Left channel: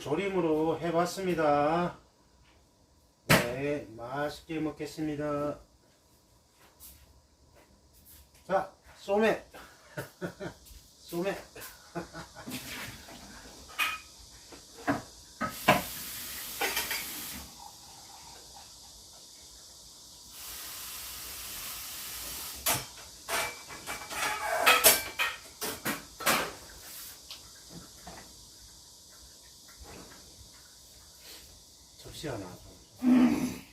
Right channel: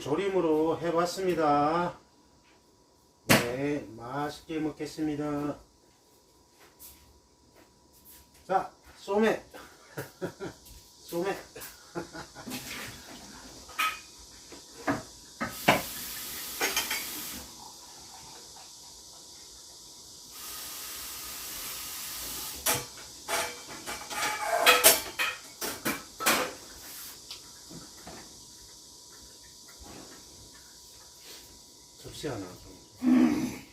조림으로 해봤습니다. 네, 맛있게 먹겠습니다. 자, 쏘매. 쏘매. 접시 하나. 좀.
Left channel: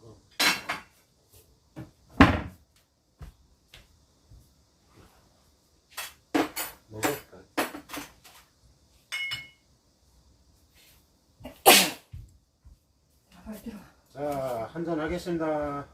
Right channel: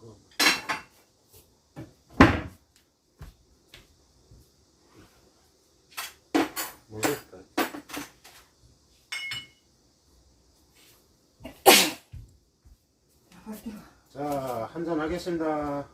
먹어. 먹을까? 빨리 들어. 자, 한잔 하겠습니다.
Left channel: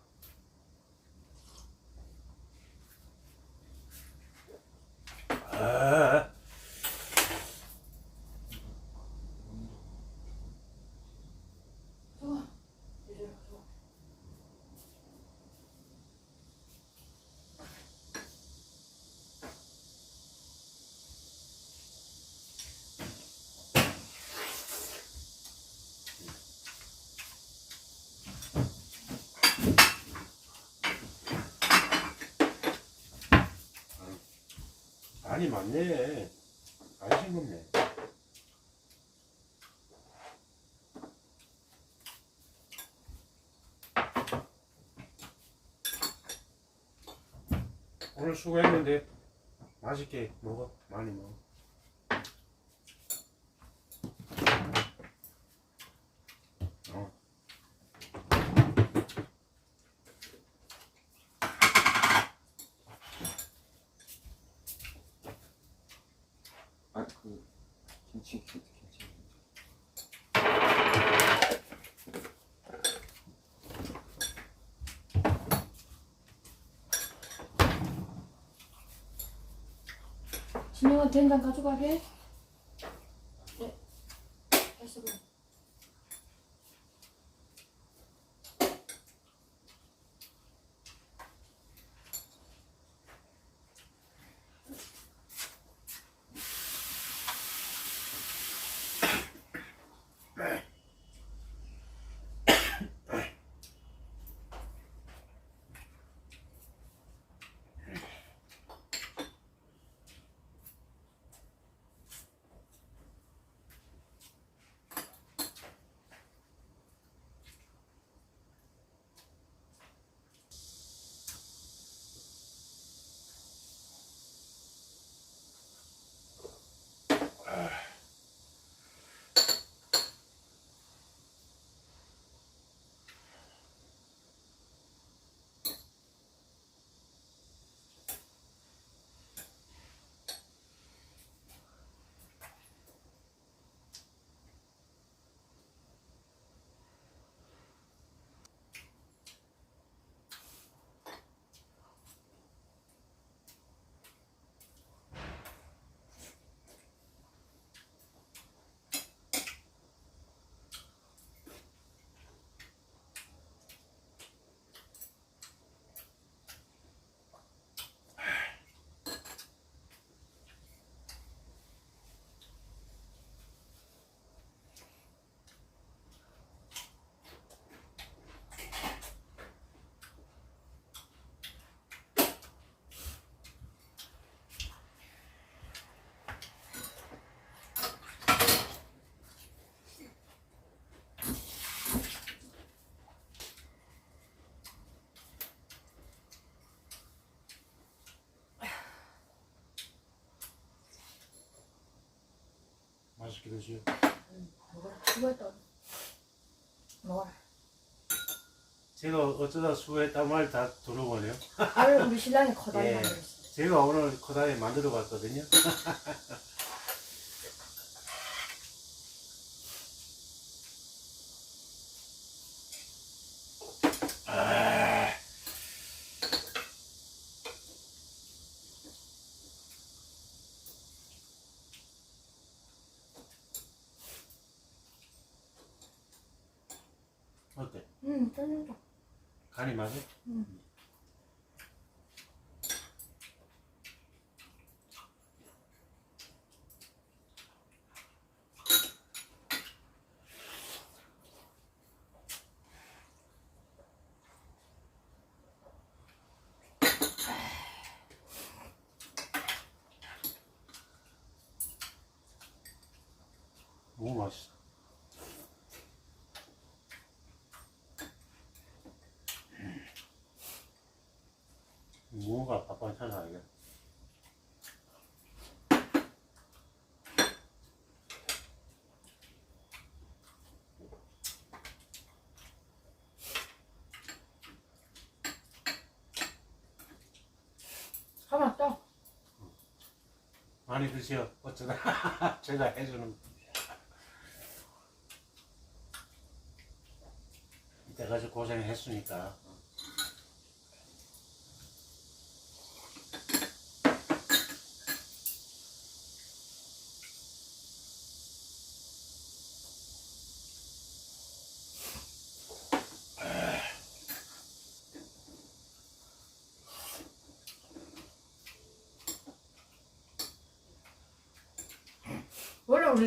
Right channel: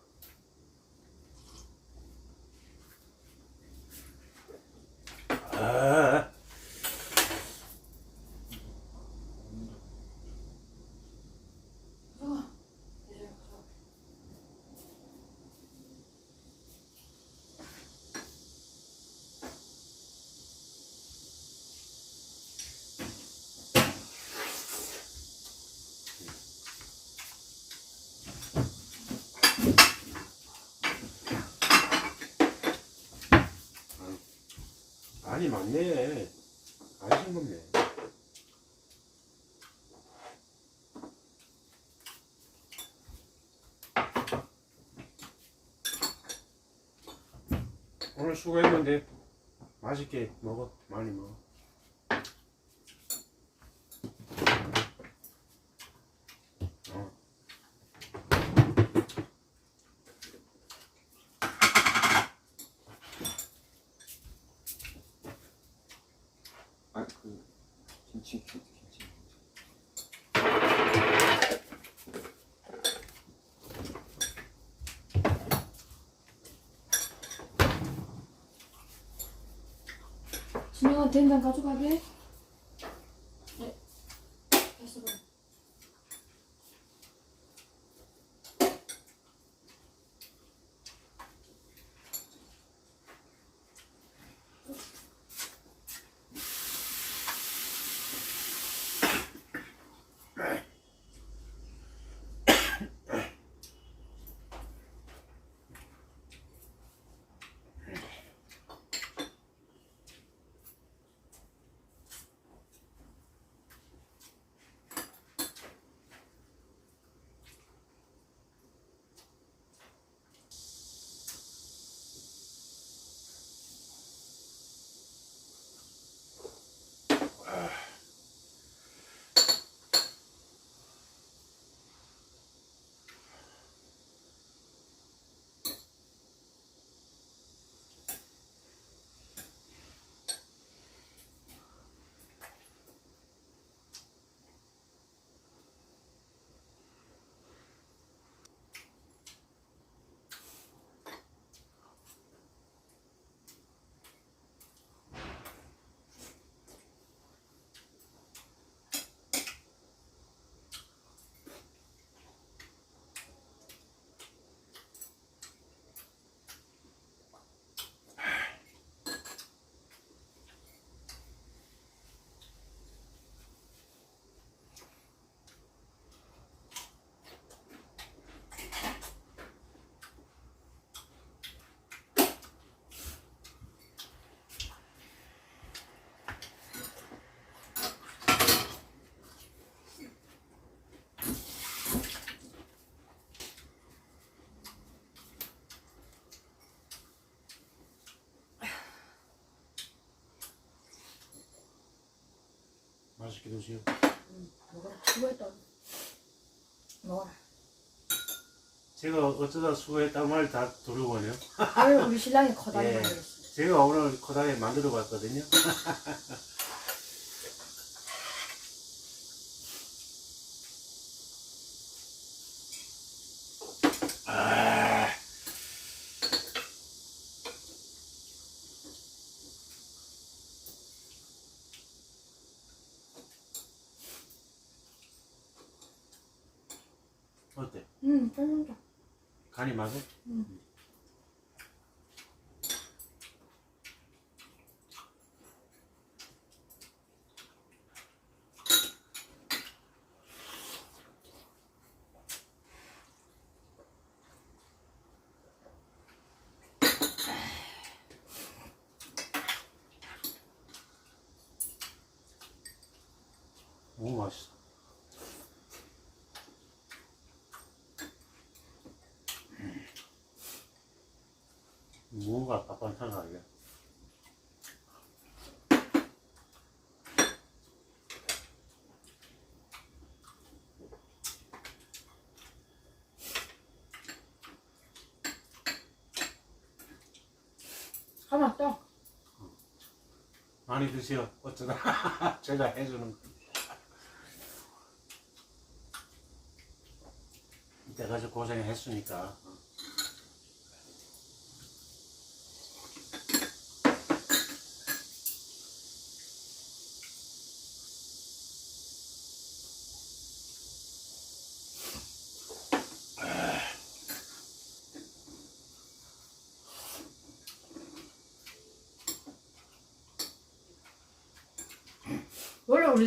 아니 맞네. 안 싱겁네. 오늘 수고했는데 맛있게 먹어. 많이 먹어. 어. 아그 김치 김치 김치 진영아 된장 가져가게. 맛있게 드시오. 먹어라. 수고했다. 먹어라. 제가 어쩌다 수고했단 말다 들어보네요. 아유 우리 신랑이 커다리 예. 만들었어. 제가 오늘 코다리 만들어 봤거든요. 어때? 응, 짠짠. 간이 맞아? 응. 너무 맛있어. 음. 무가 밥반찬 아니야. 하나 떠. 많이 드세요. 어쩌다 제가 해주는 거. 이때까지 고생했으니까.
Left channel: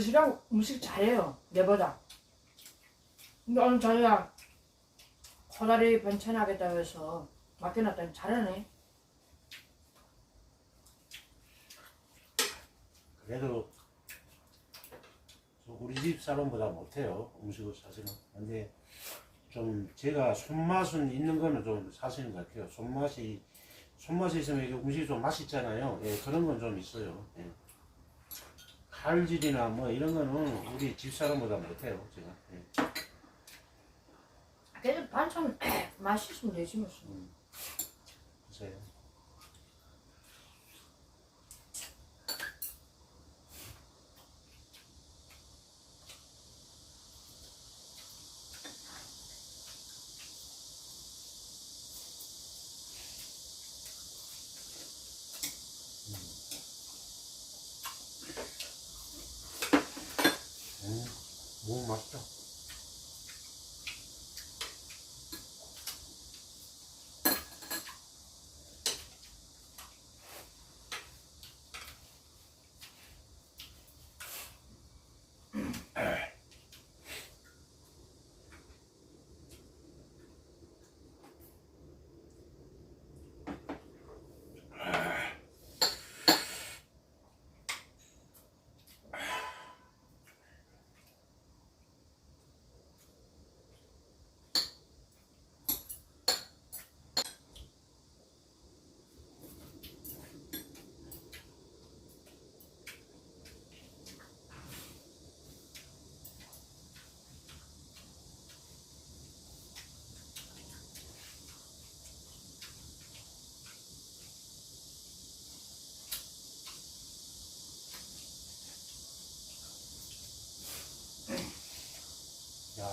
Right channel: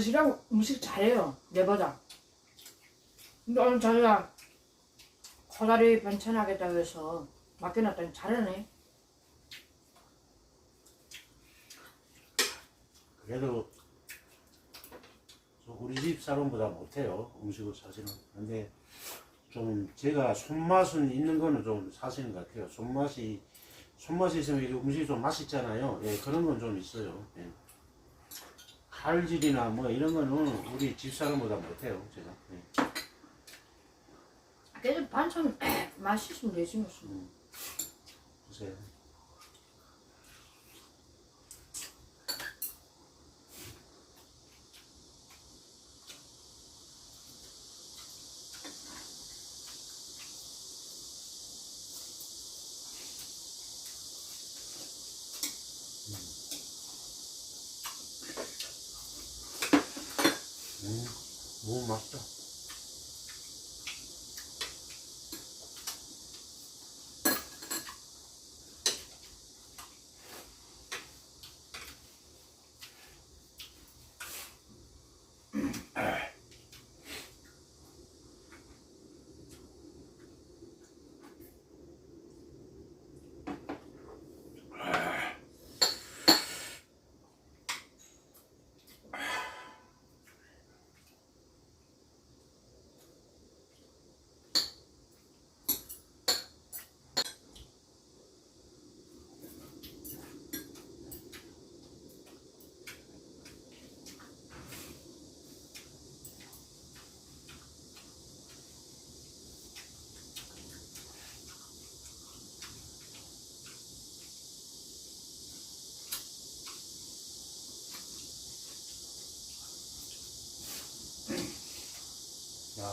신랑 음식 잘해요. 내보다. 근데 오늘 자기가 코다리 반찬 하겠다고 해서 맡겨놨더니 잘하네. 그래도 저 우리 집 사람보다 못해요 음식을 사실은 근데 좀 제가 손맛은 있는 거는 좀 사실인 것 같아요 손맛이 손맛이 있으면 이게 음식이 좀 맛있잖아요 예, 그런 건 좀 있어요 예. 칼질이나 뭐 이런 거는 우리 집 사람보다 못해요 제가 예. 그래도 반찬 맛있으면 되지 뭐. 보세요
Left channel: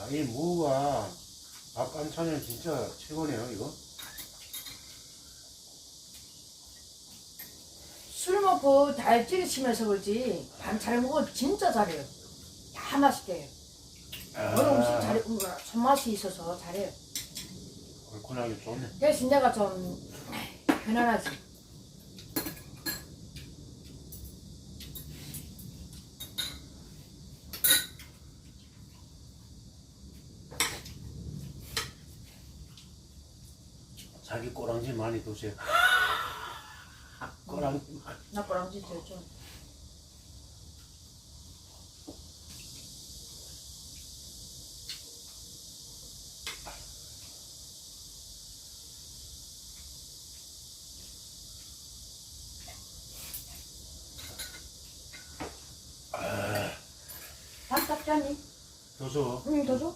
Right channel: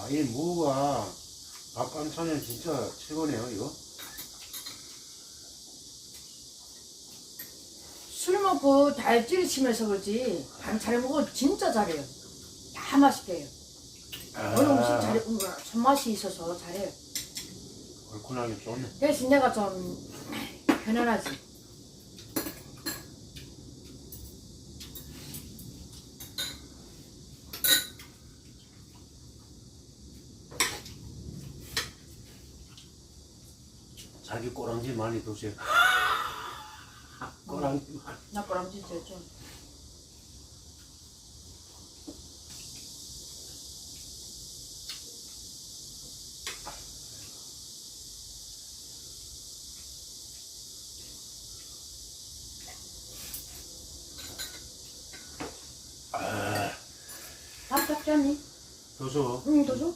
야, 이 무가 밥 반찬은 진짜 최고네요, 이거. 술 먹고 다이어트를 치면서 그렇지 반찬을 먹으면 진짜 잘해요. 다 맛있게 해요. 오늘 음식 잘해, 음, 손맛이 있어서 잘해요. 얼큰하게 좋네. 대신 내가 좀 편안하지. 자기 꼬랑지 많이 드세요. 꼬랑지 많이. 나 거랑 진짜 좀. 밥 닦자니? 더 줘. 응, 더 줘?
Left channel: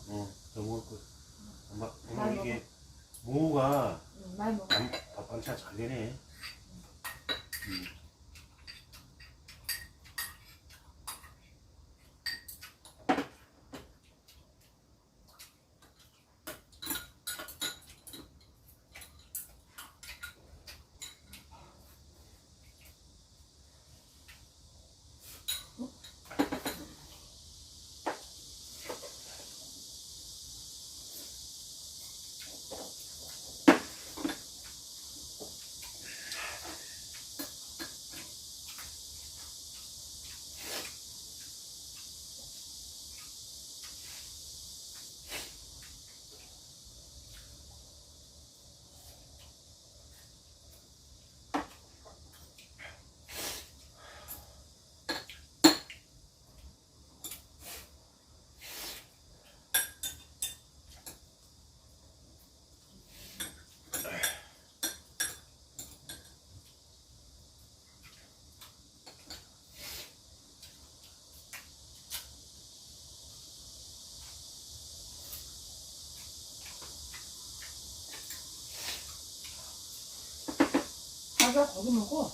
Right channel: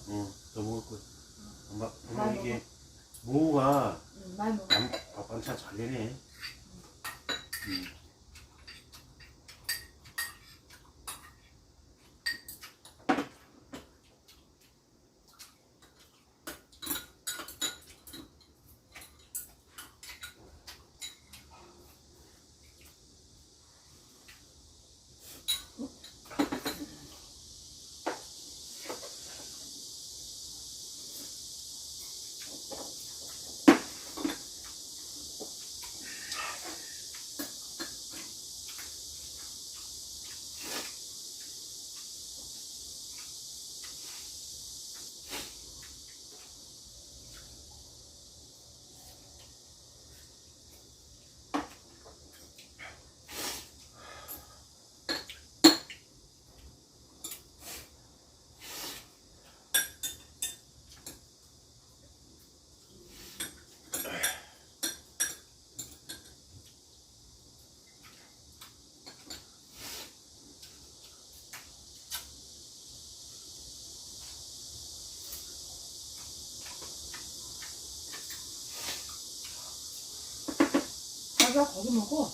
자기가 고기 먹고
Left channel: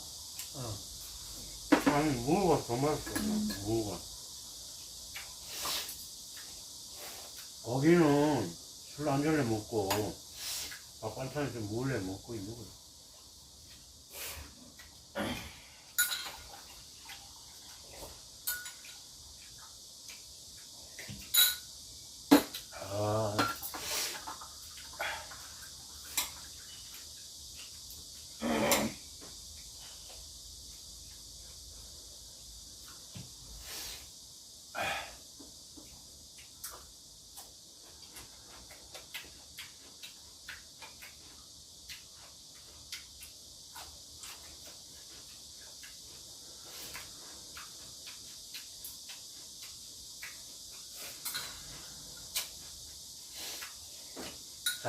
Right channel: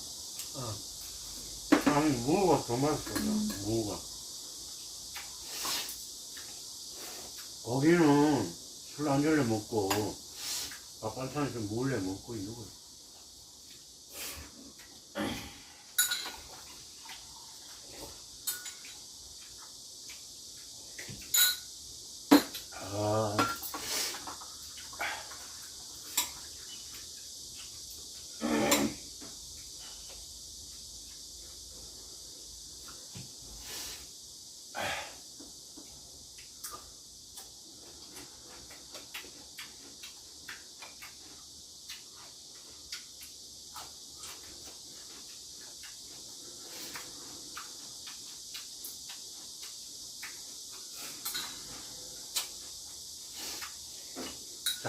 아니 무가 더 맛있어. 무가. 고기는 술한 잔에 먹고 밥반찬 좀 몰래 먹고 있는 거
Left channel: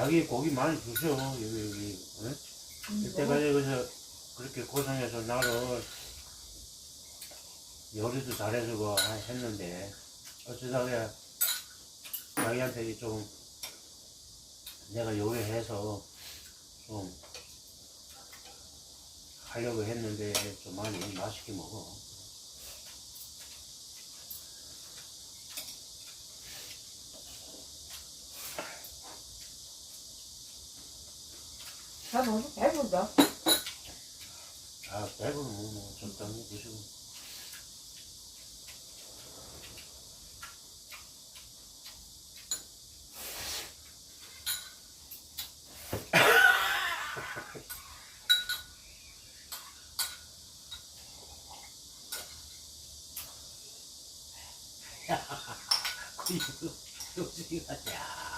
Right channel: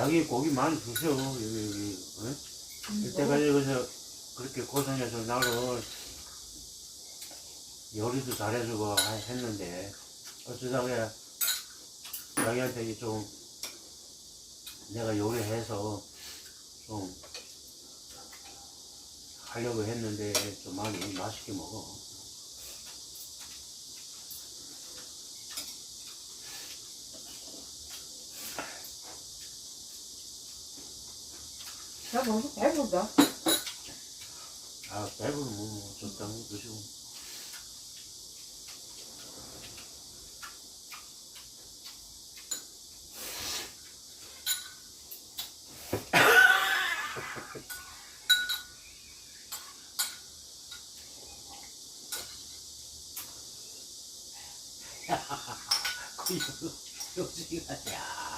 자기 고기 많이 주셔 여기 여기 어? 이때가 여기서 그렇게 고생해서 나를 요리도 잘해주고 하- 했는데 어쩌다가 자기한테 좀 내가 요리해서 좀 하려고 했는데 좀 많이 맛있게 먹어. 잘 먹어서 배부르다 아, 배부르면 뭐 적당히 드시고. 요지가 야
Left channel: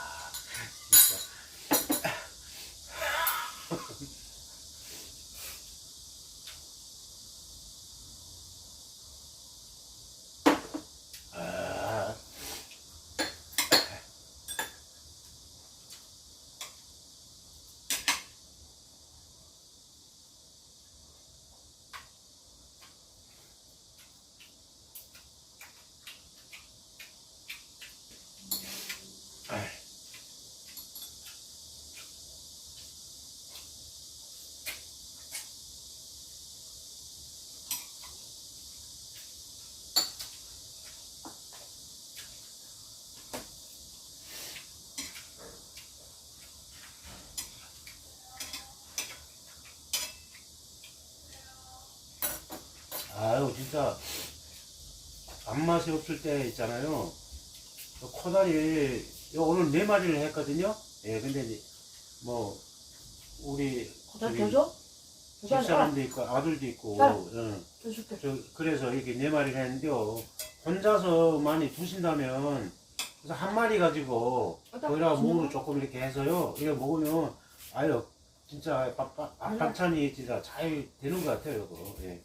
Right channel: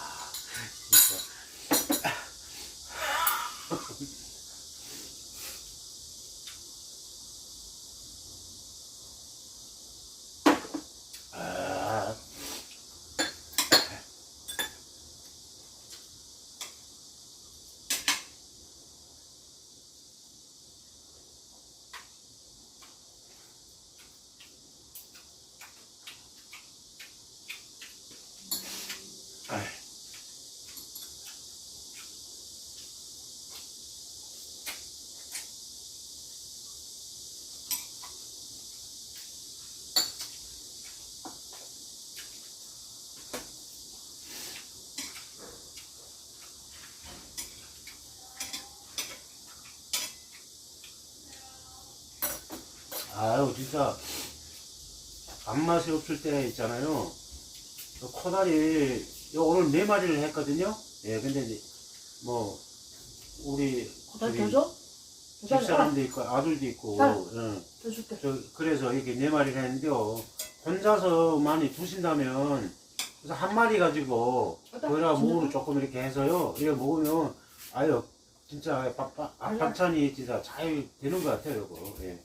아유 진짜 밥맛이 없을 때 있잖아요 그 코다리 요 오늘 네 마리를 했거든요 예 근데 이제 뭐 우리 고달 저기 더 줘? 더 줘? 아, 집사람도 있고 아들도 있고. 응. 줄게 저 그래서 이렇게 네 마리를 했는데요 혼자서 많이 두신다면 그래서 한 마리 가지고 어따, 거기다가? 무를 조금 이렇게 해서요 이거 먹으면 아유 진짜 밥, 밥, 밥- 아유. 반찬이 진짜 잘 되는 것 같아요 이거 예.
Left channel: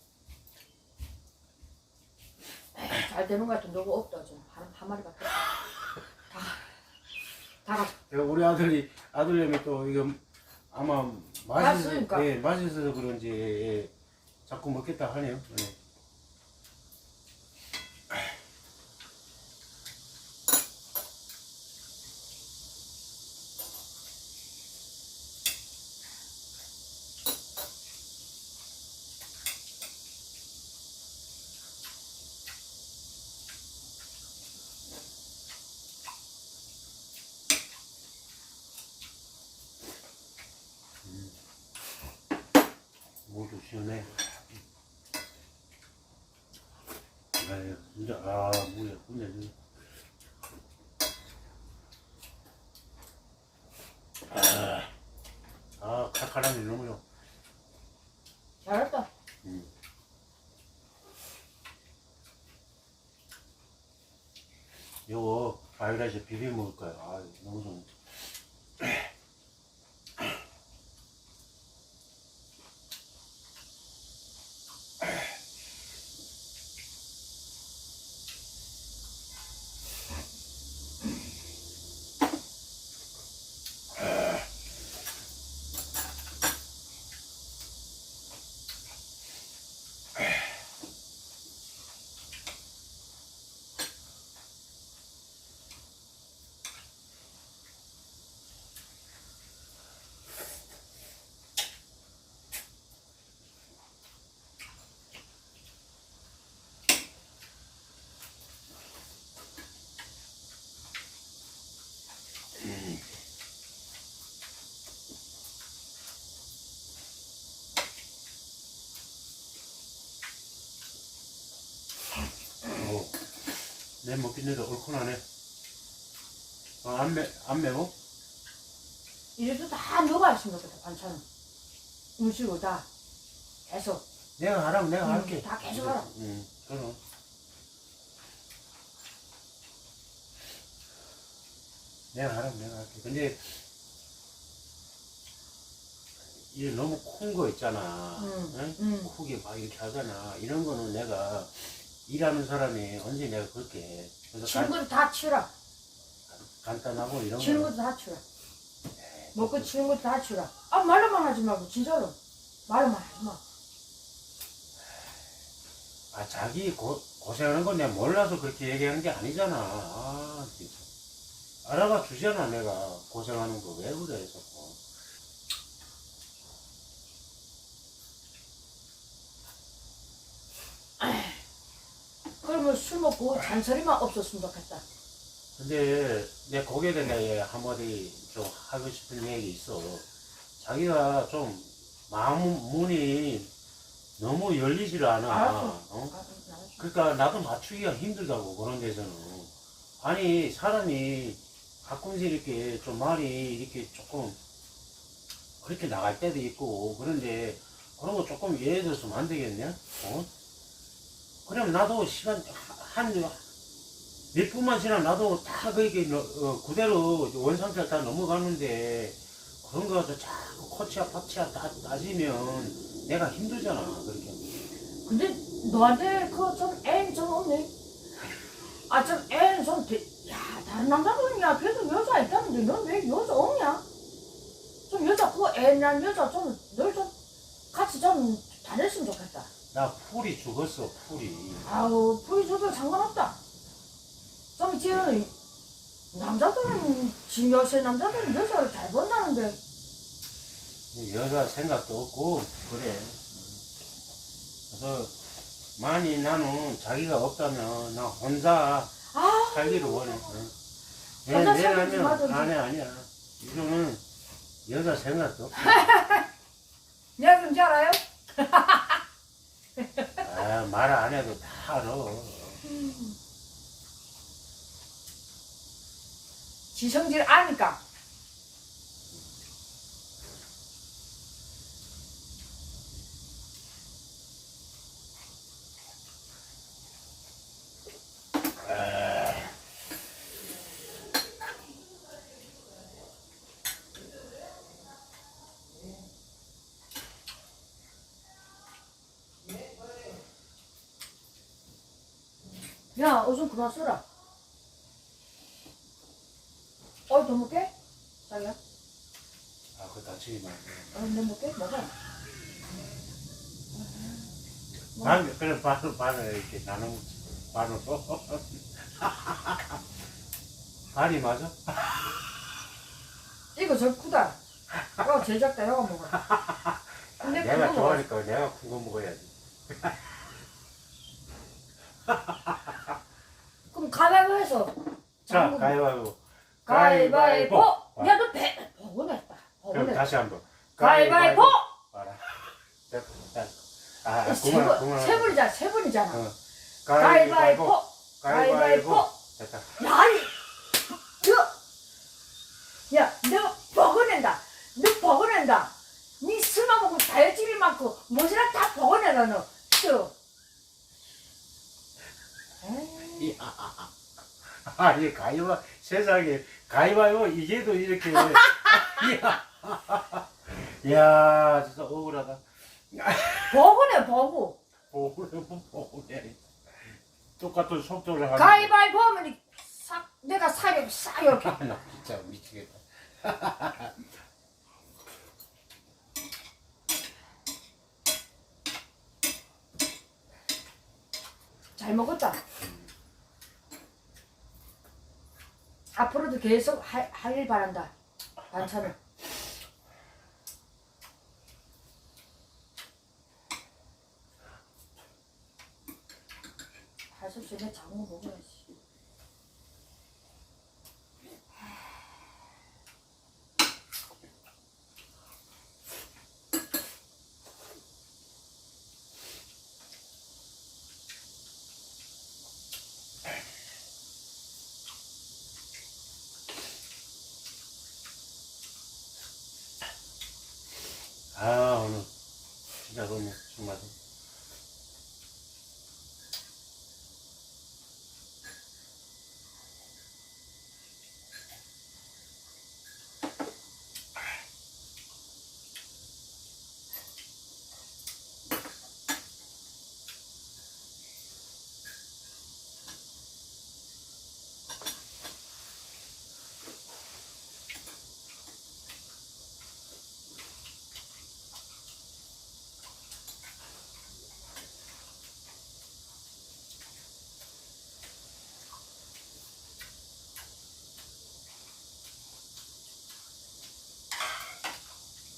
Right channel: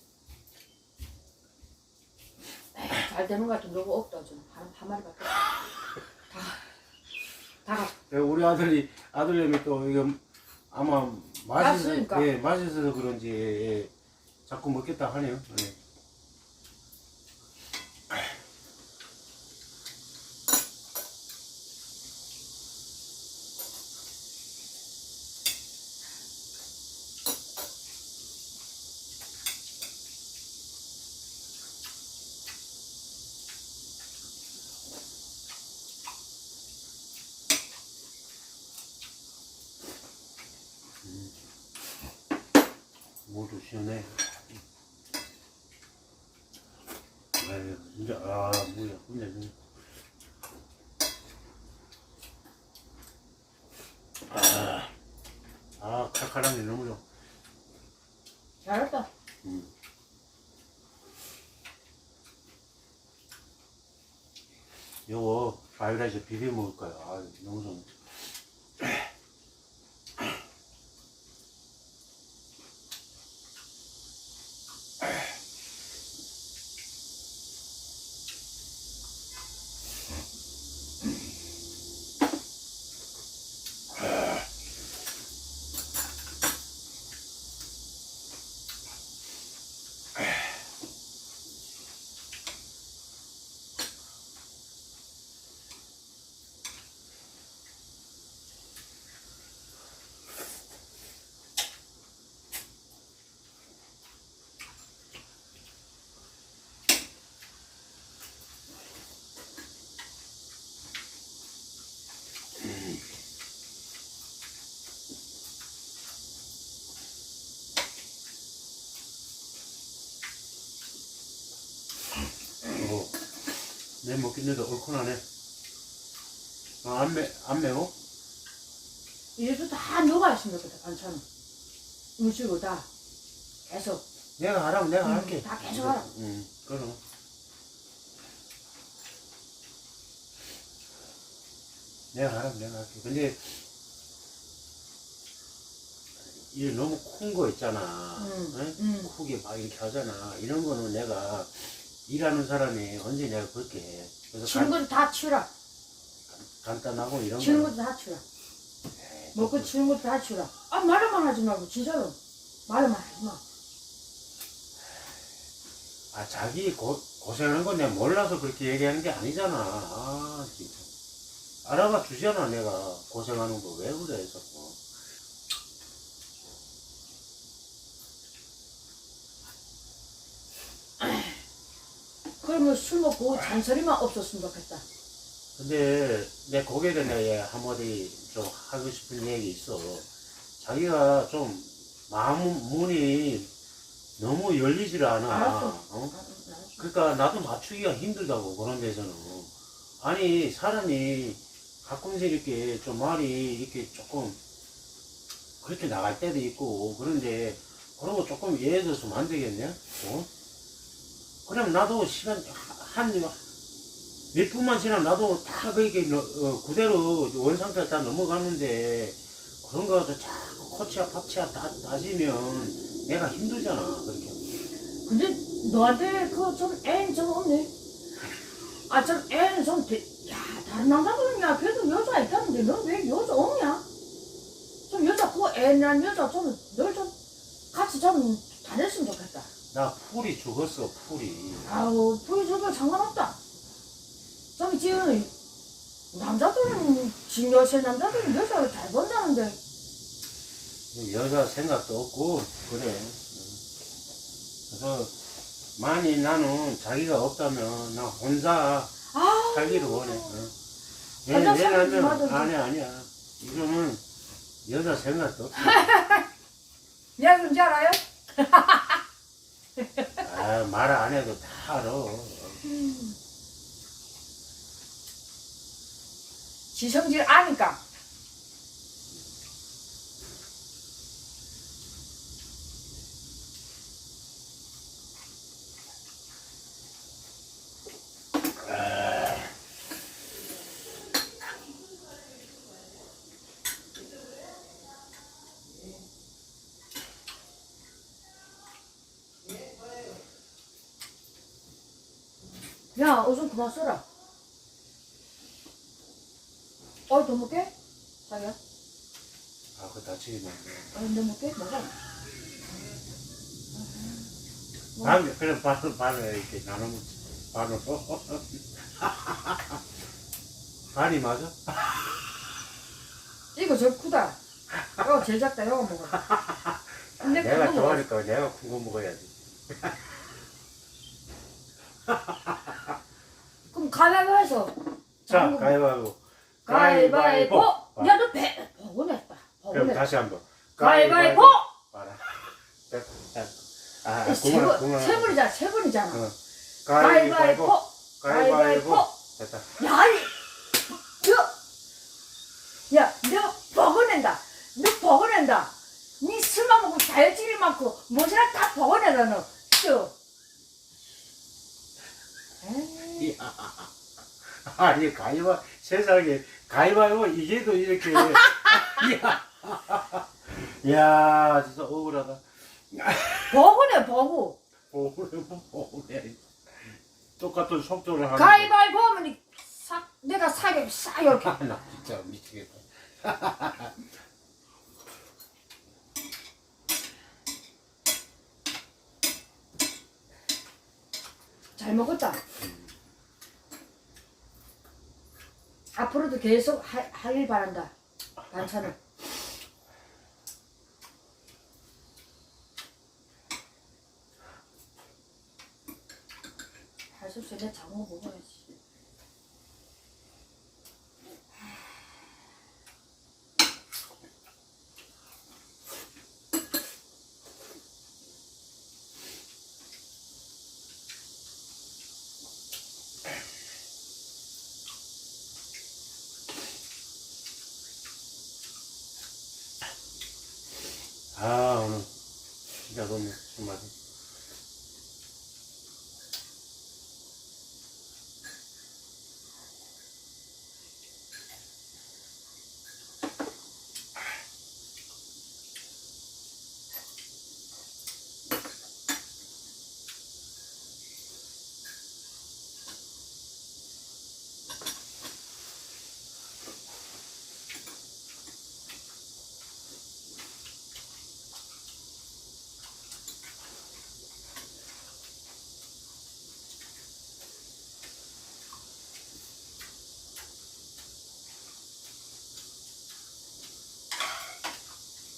잘 되는 것 같은 너무 없다 좀 한, 한 마리밖에 없다 다 가. 그리고 우리 아들이 아들내미 또 이거 아마 맛있어 맛있으니까. 예 맛있어서 그런지 예, 예. 자꾸 먹겠다 하네요. 예. 모두 시원해. 진짜 아 뭐야 근데 진짜. 아, 아 칼칼한 게 너무 좋아. 잘했다 음. 요거 바이라이즈 비벼 먹을 거야. 아 너무 좋네. 내 먹기는데 얼큰하네. 어, 안, 매, 안 매워? 이래도 다 녹아 좋겠다 반찬은 음식으로 다 계속 내가 하라면 내가 음, 할게. 다 계속 하라. 응, 그럼. 내가 하라면 내가 할게. 근데, 이게 너무 큰 거 있잖아. 음, 응? 음. 크게 막 이렇게 하잖아. 이런 거는 내가 일하는 사람이 언제 내가 그렇게 해. 그래서 간, 것도 다 치우라 간단하고 이런 거. 것도 다 치우라 먹고 치는 것도 다 치우라 아 말로만 하지 말고 진짜로 말로만 하지 마 아, 자기 고, 고생하는 건 내가 몰라서 그렇게 얘기하는 게 아니잖아. 아, 진짜. 알아봐 주잖아, 내가. 고생하는 거 왜 그래, 자꾸. 그러면 술 먹고 잔소리만 없었으면 좋겠다 근데 내 거기에 대해 내가 한마디 좀 하고 싶은 얘기 있어. 자기가 좀 마음 문이 너무 열리질 않아. 알았어. 어? 그러니까 나도 맞추기가 힘들다고 그런 데서는. 아니 사람이 가끔씩 이렇게 좀 말이 이렇게 조금 그렇게 나갈 때도 있고 그런데 그런 거 조금 이해해줬으면 안 되겠냐? 어? 그럼 나도 시간 한 몇 분만 지나면 나도 다 그렇게 어, 그대로 원상태 다 넘어가는데 그런 거 가서 자꾸 코치야 파치야 다 따지면 내가 힘들잖아 그렇게. 근데 너한테 그좀 애는 좀 없네? 아좀 애는 좀 대... 야 다른 남자들은 야 그래도 여자 있다는데 넌 왜 여자 없냐? 좀 여자 그 애난 여자 좀 널 좀 같이 좀 다녔으면 좋겠다 나 풀이 죽었어 풀이. 아우 보여줘도 상관없다. 좀 이제 남자들은 지 여세 남자들은 여자를 잘 본다는데. 여자 생각도 없고 그래. 그래서 만이 나는 자기가 없다면 나 혼자 아 살기를 원해. 어. 왜, 혼자 왜냐면 살기 좋아하던데. 아니야 아니야. 이거는 여자 생각도 없어. 내가 뭔지 알아요? 아, 말 안 해도 다 알아. 지 성질 아니까 야, 오줌 그만 써라. 어, 더 먹게? 자기야? 아 그거 다치기만 어, 더 먹게? 먹어. 뭐? 반, 그래 반을 반을 이렇게 나눠 먹지 반으로 반이 맞아? 이거 저 크다. 이거 제일 작다. 이거 먹어. 근데 내가 그거. 좋아하니까 내가 큰 거 먹어야지 가위바위보 해서. 자 가위바위보 가위바위보. 아, 야, 너 배, 버거냈다. 그럼 버거냈다. 다시 한번 가위바위보. 봐라 됐다. 아세 번, 그만 세 번이잖아. 세 번이잖아. 어. 가위바위보. 가위바위보 가위바위보. 됐다 야, 이, 너, 야, 너 버거낸다. 너 버거낸다. 니 술만 먹고 다혈질이 많고, 뭐지나 다 버거내다, 너. 또. 에이, 야. 아니 가위바 세상에. 가위바위보 이게도 이렇게. 야, 야 진짜 억울하다. 버거네, 버거. 억울해 억울해 똑같은 속도를 하는 가위바위보 하면 이 싹, 내가 살이 싹 이렇게. 아, 나 진짜 미치겠다. 잘 먹었다. 앞으로도 계속 하, 하길 바란다. 반찬을. 할수 없이 내 장어 먹어야지. 맛있습니다. 그럼 정말.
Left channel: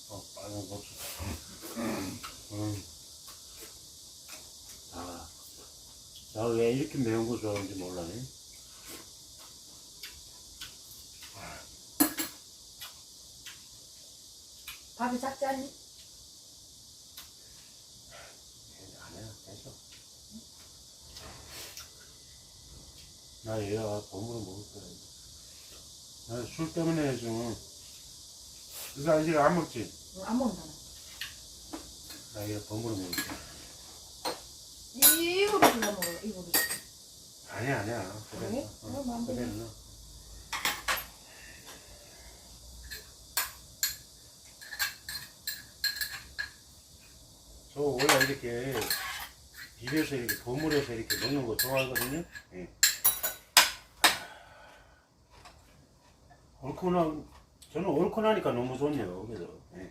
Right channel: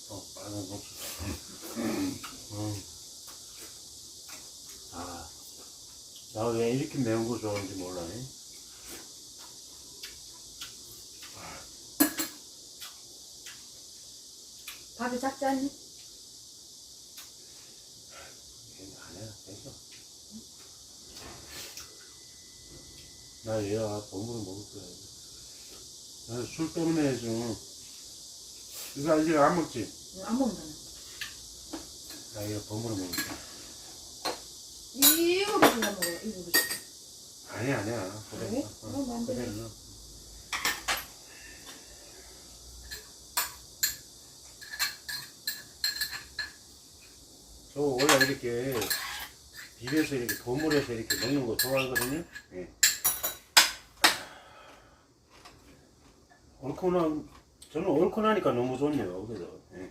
어, 빨간 고추. 음. 아, 나 왜 이렇게 매운 거 좋아하는지 몰라네. 밥이 작지 않니? 아니야. 나 얘가 보물을 먹을 거야. 나 술 때문에 좀, 이거 아직 안 먹지? 응, 안 먹는다. 나 이거 보물을 먹을 거야. 이 그릇이나 먹어, 이 그릇. 아니야, 아니야. 그래. 어, 그럼 안 그래. 어. 저 원래 이렇게 비벼서 이렇게 버무려서 이렇게 먹는 거 좋아하거든요. 예. 얼큰한 저는 얼큰하니까 너무 좋네요. 그래서 예.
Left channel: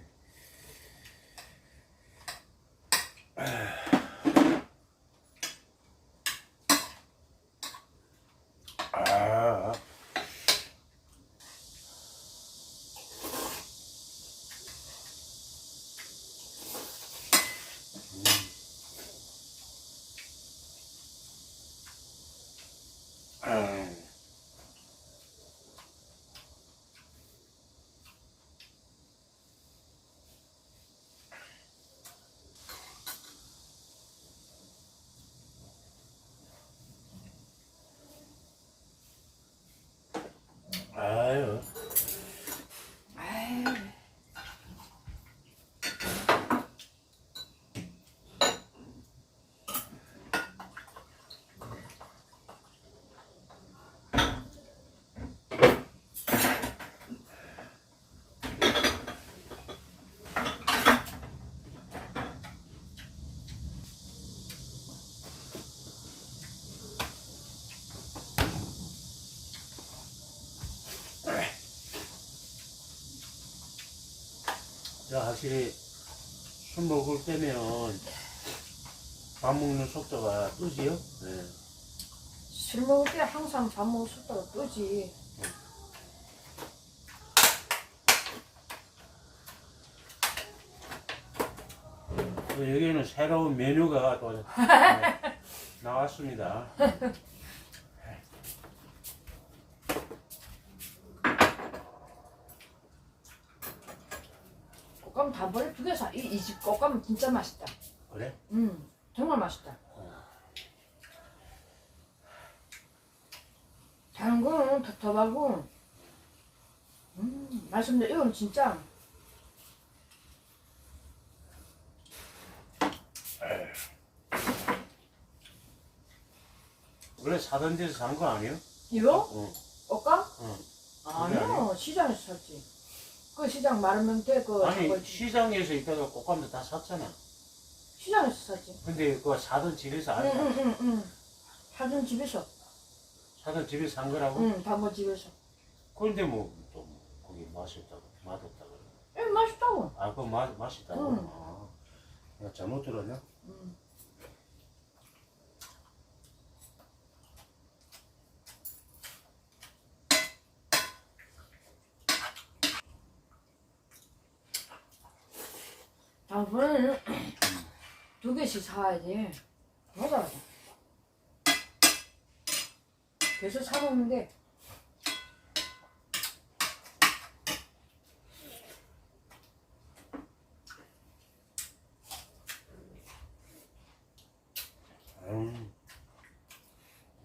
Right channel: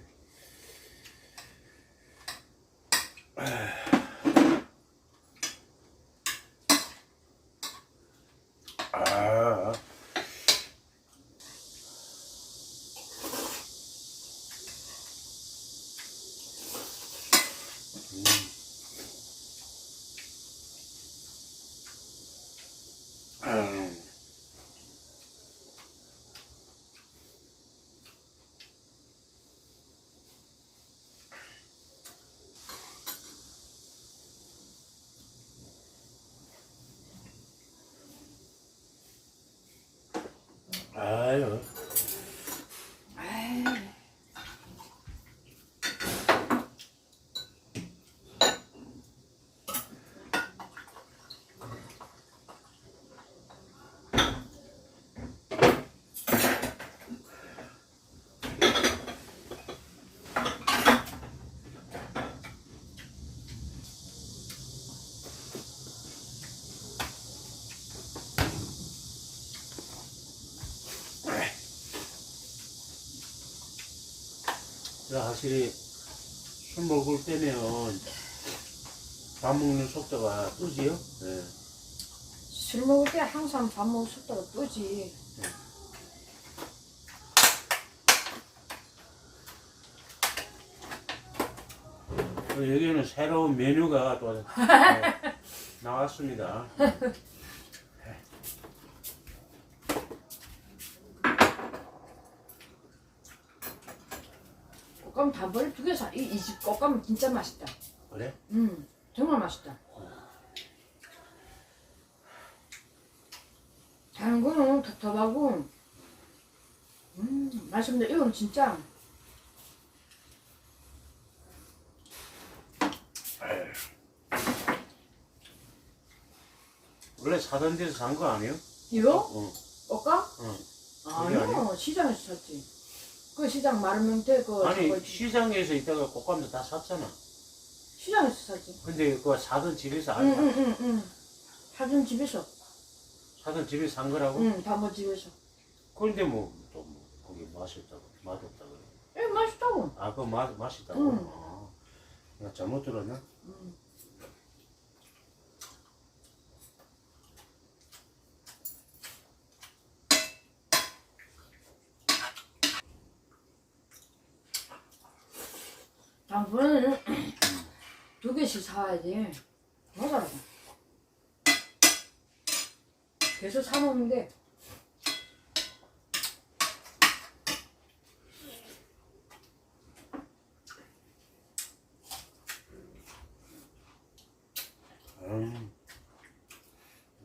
자, 확실히 술 먹을 때면 밥 먹는 속도가 뜨지요? 네. 술 먹을 때 항상 밥 먹을 속도가 뜨지. 그리고 여기는 새로운 메뉴가 또 어, 나왔습니다. 꽃감 단번에 두 개 사. 이집 꽃감은 진짜 맛있다. 그래? 음, 정말 맛있다. 다른 거는 텁텁하고, 음, 맛있는데 이건 진짜 원래 사던 데서 산 거 아니에요? 이거 어. 꽃감? 어. 아니요, 시장에서 샀지. 그 시장 마르면태 그 아니 저거 시장에서 있다가 꽃감도 다 샀잖아. 시장에서 샀지. 근데 그거 사던 집에서 안 사. 응응응 응. 사준 집에서. 사던 집에서 산 거라고? 응, 단번 집에서. 그런데 뭐또 뭐 거기 맛이 없다고 맛없다 그래. 에 맛있다고. 아, 그거 맛 맛있다고? 응. 아, 내가 잘못 들었나? 응. 다음번에는 두 개씩 사와야지. 맞아. 계속 사먹는데 음,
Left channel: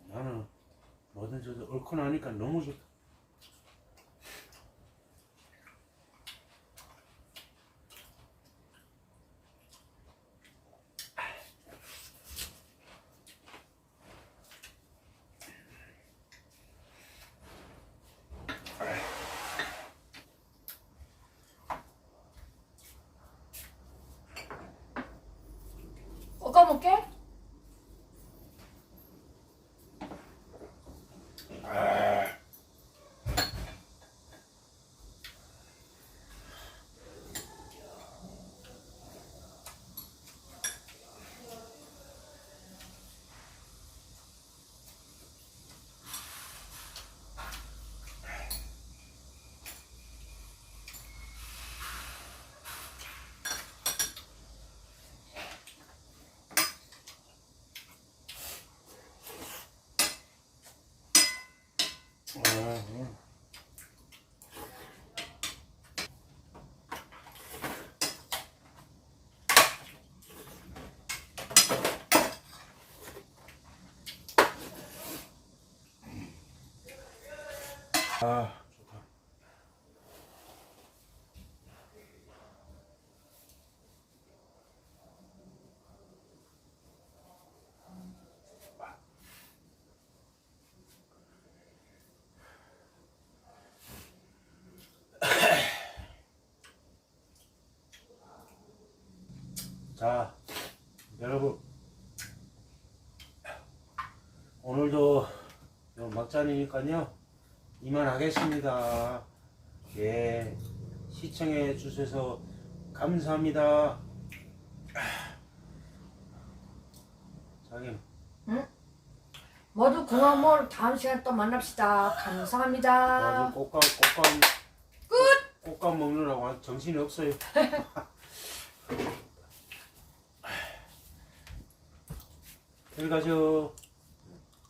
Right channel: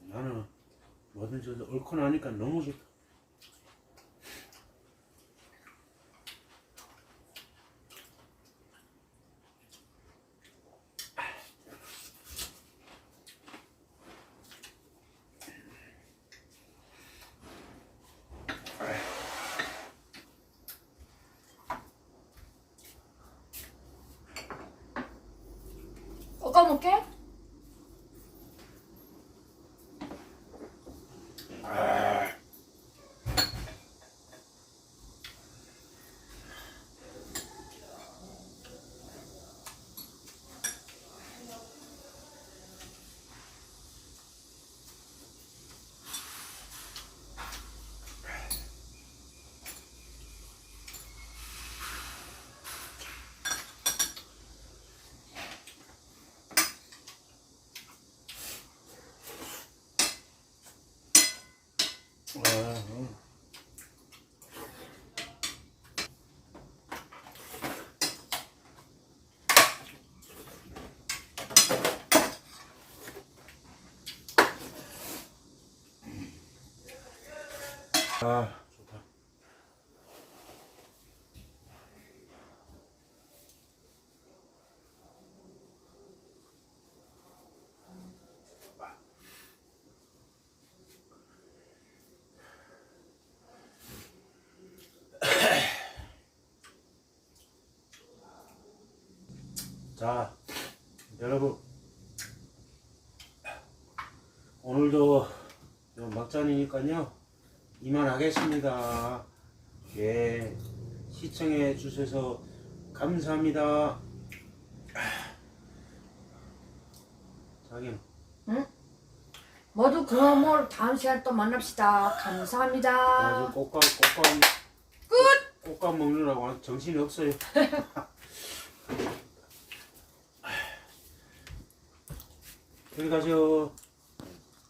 나는 뭐든지 얼큰하니까 너무 좋다. 먹 아, 음. 아, 좋다. 자, 여러분. 오늘도 요 막잔이니까요. 이만하겠습니다. 예. 시청해 주셔서 감사합니다. 자기 모두 고마워. 다음 시간에 또 만납시다. 감사합니다. 꽃감 꽃감 끝. 꽃감 먹느라고 정신이 없어요. 들어가죠.